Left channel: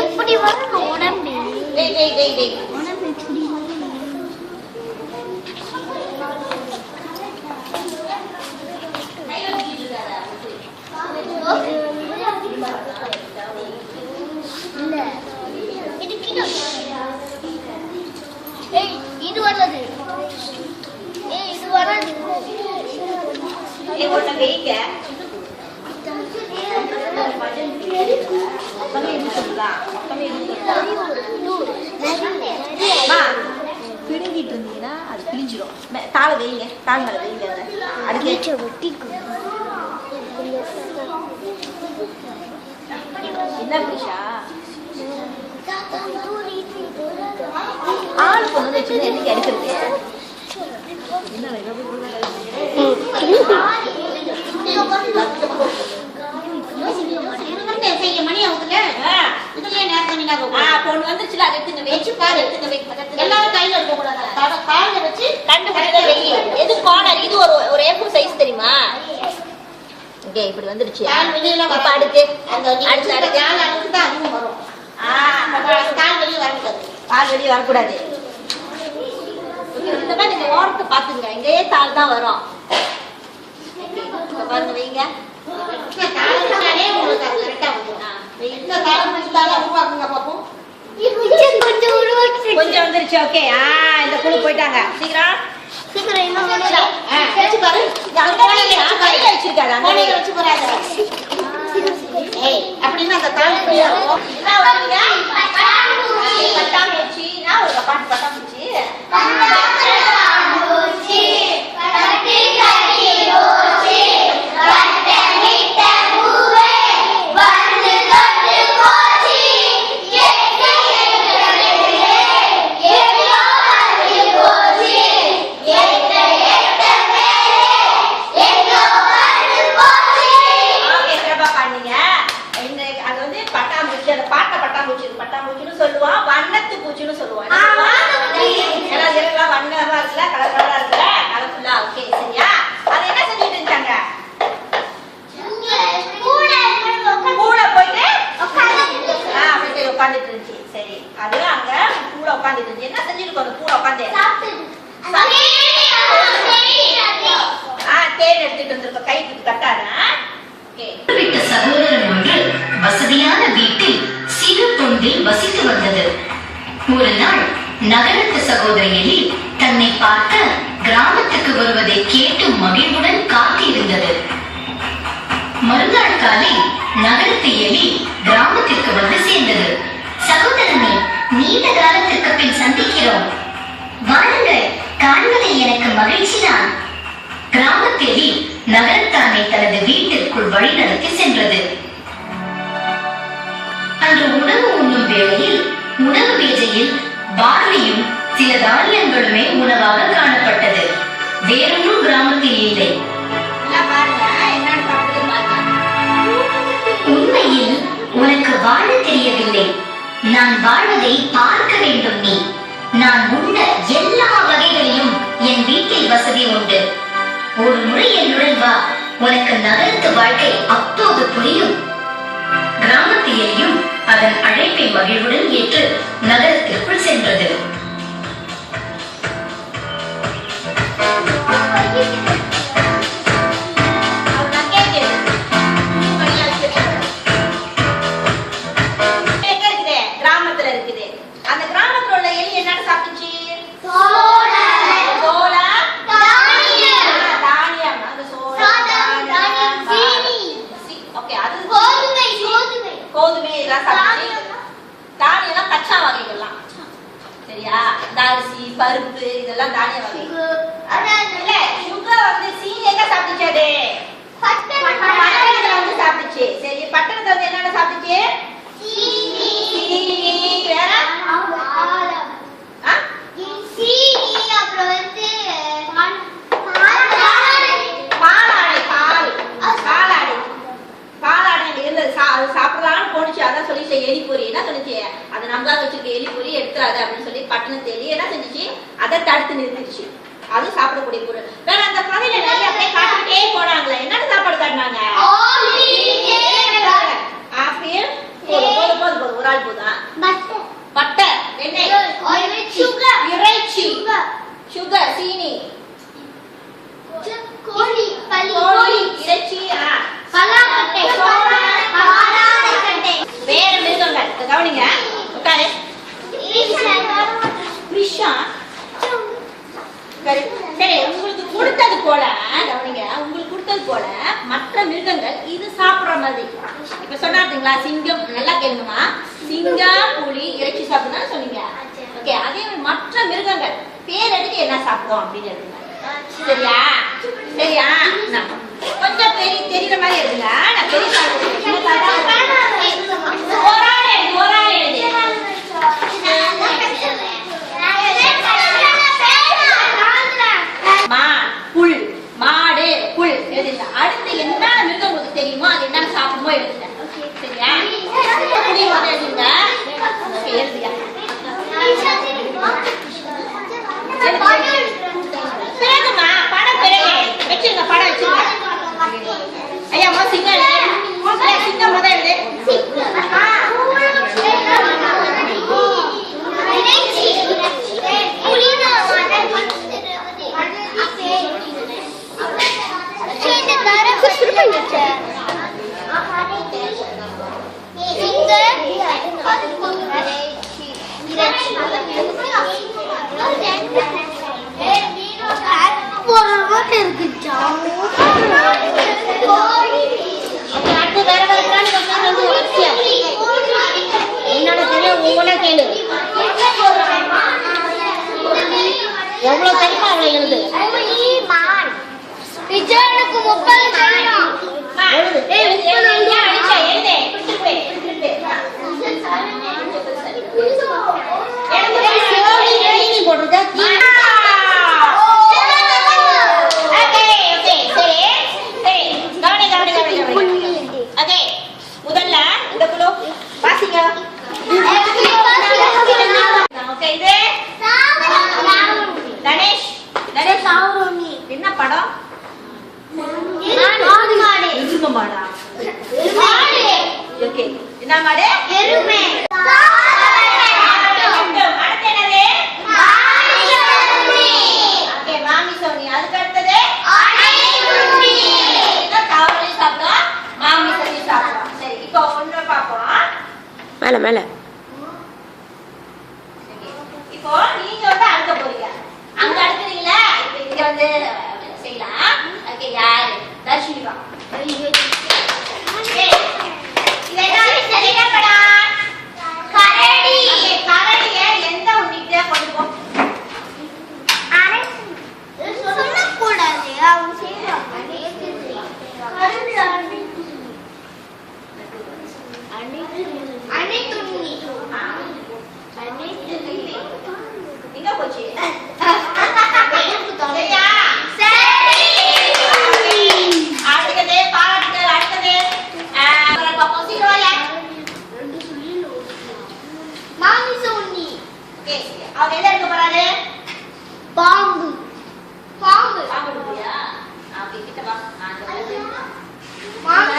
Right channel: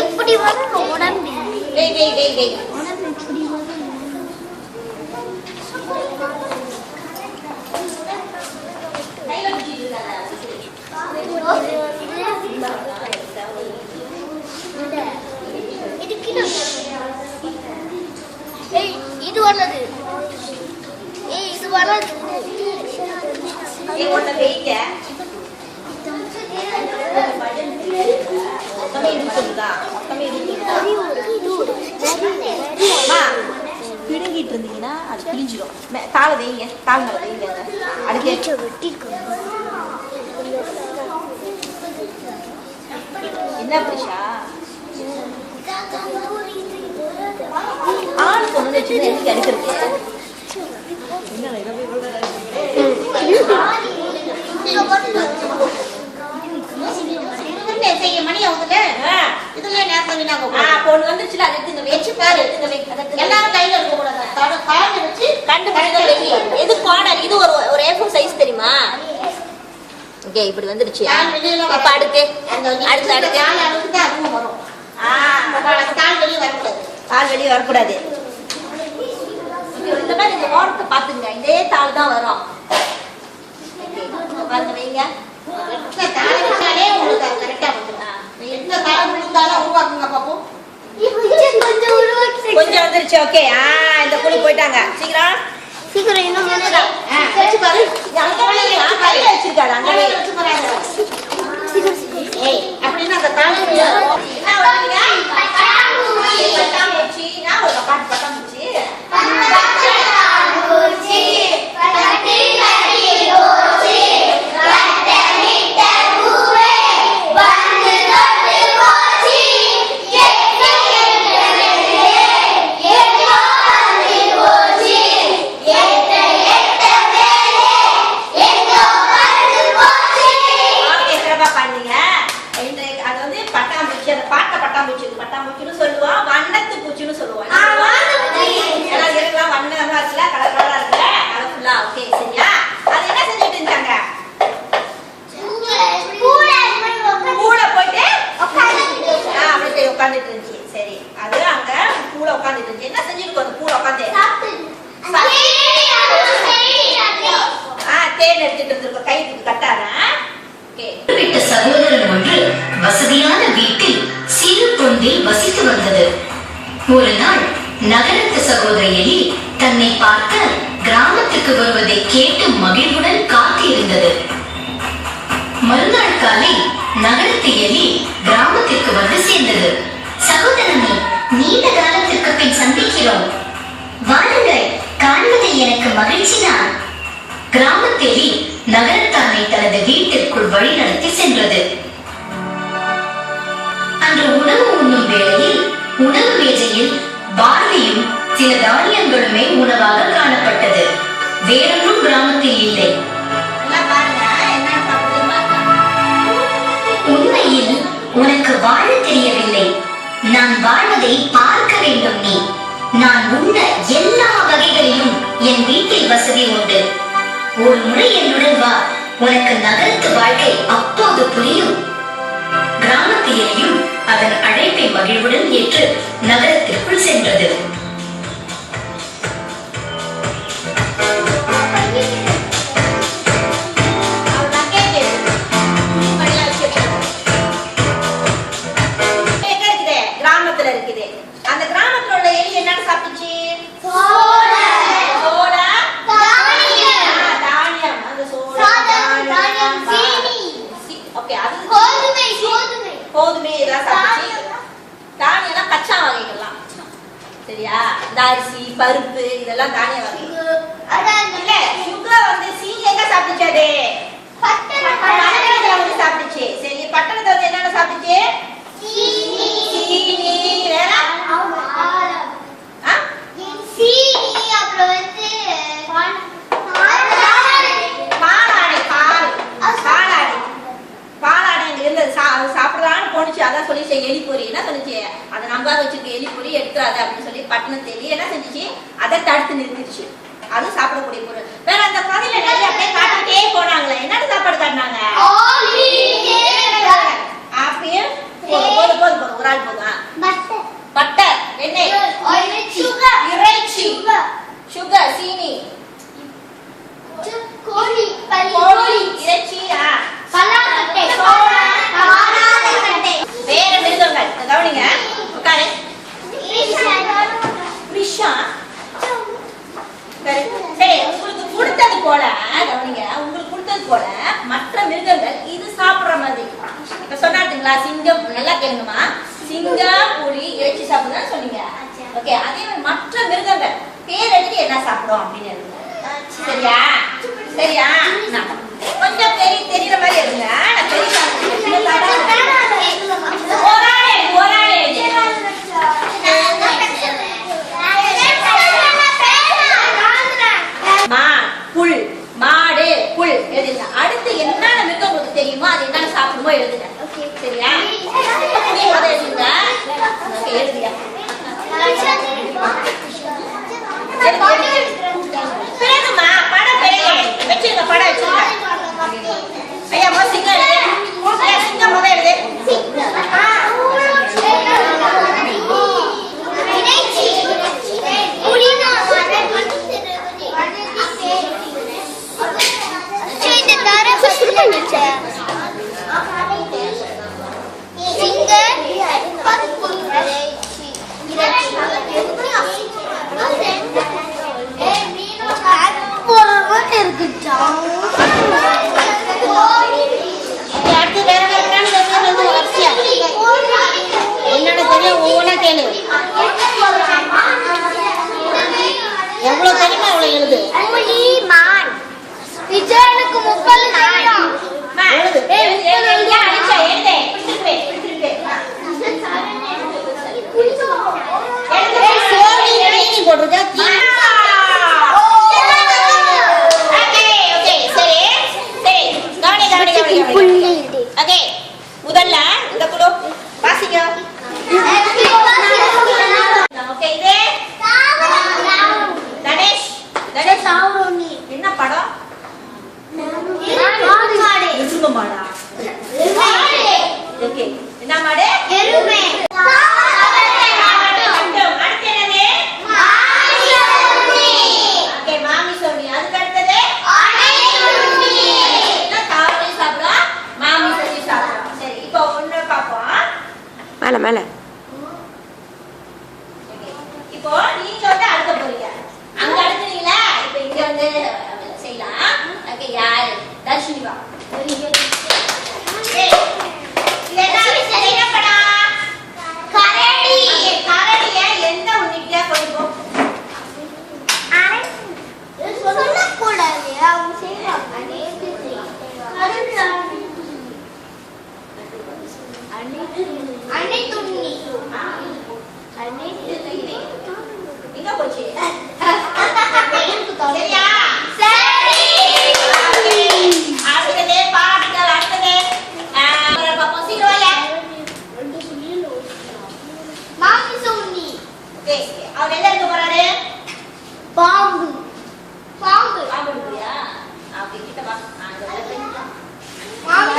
எப்படி வரும் உடம்பு உடம்பு எப்படி இது வரலது இது வரலது பிடுங்கிட்டு இருந்தீங்கன்னா அது பிழிஞ்சிடும். தாளை வைங்க, தாள் மேலே வைங்க. அடுத்து என்ன பிரிஷா ஆள் பொண்ணு வச்சு எதுக்கு அடிக்கிறது? பொண்ணு வந்துச்சுல அது எடுத்துங்க வச்சு பாரு. எல்லாரும் கையில எடுக்க கூடாது, கால வச்சு கண்டுபிடிக்க வெயி. எது கார்னர் இது ஒரு A4 சைஸ் தெரியுமா? ஓகே இப்படி வந்துருச்சு. இப்ப அடுத்து அடுத்து அடுத்து அதுவும் வரும். கால் வெளியே வரக்கூடாது, கால் வெளியே வரக்கூடாது. இந்த மாதிரி நீங்க ஓரத்தை பாத்துங்க, இதே தாள் தான் வரும். பாருங்க வைங்க. கொஞ்சம் வந்துருச்சு. ஓகே இந்த குழு போயிட்டாங்க. சீக்கிரம் வச்சிருக்காங்க அப்படின்னா அந்த பட்டாம்பூச்சி நான் ஒரு பாட்டு பட்டாம்பூச்சி பட்டாம்பூச்சின்னு சொல்லுவோம், வண்ணத்து பூச்சின்னு சொல்லுவோம். வண்ணமா இருக்குல்ல, கலர் கலரா இருக்குல்ல, கலர்ஃபுல்லா. ஓகே சரியா? அது என்ன செஞ்சுட்டு இருந்தாங்க? கூட போயிட்டு உட்காந்துட்டு இருந்துச்சு. சரி அது அங்க கூட உட்காந்துட்டு இருந்துச்சு. என்ன செஞ்சுட்டு அந்த கூட உட்காந்து தேன் எடுத்துட்டு வந்திருக்கோம். கைக்கு கட்டாத. சகோதரன் ஒன்று வசதியான வீட்டில் சிறு பொந்தில் வசித்து வந்தது. ஒரு நாள் நகரத்து சகோதரி எலி தன்னை பார்க்க கிராமத்துக்கு வருவதை கேட்டு மகிழ்வுடன் காத்திருந்தது. மறுநாள் காலை நகரத்து எலி கிராமத்திற்கு வந்து சேர்ந்தது. சகோதரனை நீண்ட காலத்திற்கு பின் சந்திக்கிறோம், வாருங்கள், காண்பதில் எனக்கு மகிழ்ச்சி தான். கிராமத்து எலி நகரத்தானை தனது வீட்டிற்குள் வழிநடத்தி சென்றது. அன்று உணவு உண்ணும் வேளையில் உணவு மேஜையில் பார்லியும் சில தானியங்களுமே உணவாக காணப்பட்டது. வேறொன்றும் கிராமத்தில் இல்லை. உண்மையில் உனக்கு வாழ தெரியவில்லை, நான் வாழ்வதை பார்க்க வேண்டும். நீ நான் உண்ட எல்லா வகைகளிலும் என் வீட்டில் வசதி உண்டு. ஒரு முறை என்னுடன் வா, உனக்கு நகரத்து வாழ்க்கை அப்போது புரியும். கிராமத்து எலியும் அதன் அழைப்பை மகிழ்வுடன் ஏற்று நகரத்திற்குள் சென்றது. கிராமத்துல இருக்குது. அந்த கிராமத்துல உள்ள எலி என்ன சாப்பிட்டுச்சு? கோதுமை இதெல்லாம் சாப்பிடுச்சு. தானியெல்லாம் கச்சா வகைகள்லாம் சரியா? அரிசி பருப்பு இதெல்லாம் தானிய வகை. இல்ல சுகர் வந்து சீனி எங்க சாப்பிடுச்சாது? பட்டணத்துல வந்து சாப்பிடுச்சு. சரி பட்டணத்துல வந்து என்னென்ன சாப்பிடுச்சு? சீனி வேற அப்புறம் வந்து சாப்பிடலான்னு போனுச்சு. அதான் சொல்லிச்சு எலி பொறி. என்ன சொல்லிச்சு? அதை நம்பாத வச்சிருக்க எலி பொறி எடுத்துறாது அப்படின்னு சொல்லி பட்டணத்து எலி என்ன செஞ்சிச்சு? அதை தடுத்து நிறுத்திடுச்சு. அது சாப்பிடக்கூடிய பொருள். வேற அந்த கதையில நிறைய அப்படியே காட்டிட்டே போனாங்களே. என்னன்னு சாப்பாடு காட்டினாங்க? போதும் ஒரு ஆள் போதும். பட்டர் வெண்ணெய் இறைச்சி சுகர் சீனி கோழி இறைச்சி வேற மிருகங்கள் கவனிங்க உட்காரு. சரி உங்களுக்கு கொடுத்தது போல கவனிங்க, உங்களுக்கு கொடுத்தது போல மற்ற மிருகங்கள் இது சாப்பிடுற மாதிரி இப்ப சொன்னாருங்களா, சிங்கம் நல்லா கேளுங்கம்மா, சிங்கம் புலி இறைச்சி சாப்பிடுதான் சொன்னீங்க. ஓகே, அதே மாதிரி மற்ற மிருகங்கள் பேர் எடுத்து என்ன சாப்பிடும் அப்படின்னு எடுங்க. சரியா சரியா கொஞ்சம் பெரிய தெரியுற மாதிரி எடுங்க. நான் பெரிய புல் மாடு புல் எழுதுங்க. அடுத்து என்ன மிருகம் உங்களுக்கு தெரியுமோ அது என்ன சாப்பிடுமோ எழுதுங்க. சரியா எழுதுங்க. எழுதுங்க பிறகுமா படம் வச்சிருங்க, படம் வச்சிருங்க. ஐயா சிங்கம் சிங்கம் முதல் எழுது. எவ்வளவு தெரியுமா அவ்வளவு எழுது. விஜயனுக்கு 30 தெரியும். முதல்ல இந்த குழு வாசிங்க. கணேஷ் என்ன படம்? எருமை மாடா? ஓகே, என்ன மாடு? எருமை. அடுத்து என்னது? ஓகே, மாமி சோனி. அதுக்கு அடுத்தது காவலி சாப்பிடுவோம், மாமி சோனி சாப்பிடுவோம். சரி, இப்போ ஒன்று பார்ப்போம். மேல மேல இப்போ நீங்க வந்து அடுக்க போறீங்க. அங்க அடுக்குறீங்களா? இப்போ இங்க வந்து செய்யலாம். ஓகே, யார்? தர்ஷினி வா. ஏய், இது என்ன படம்? கரடி. கரடிய எந்த உன்னிட்ட கொண்டு போ? சொல்ல கூடாது, அவங்க செய்வாங்க. எங்க போச்சு? சரியா? அடுத்தது பாட்டுகள். அடுத்தது பாப்போம். சீக்கிரம் மாமி சோனி. அவர் எல்லாம் இருக்க போறாரு? பாம்பு. பாம்பு. பாம்பு எடுப்பியா? அப்படி கிட்ட வா. மாமி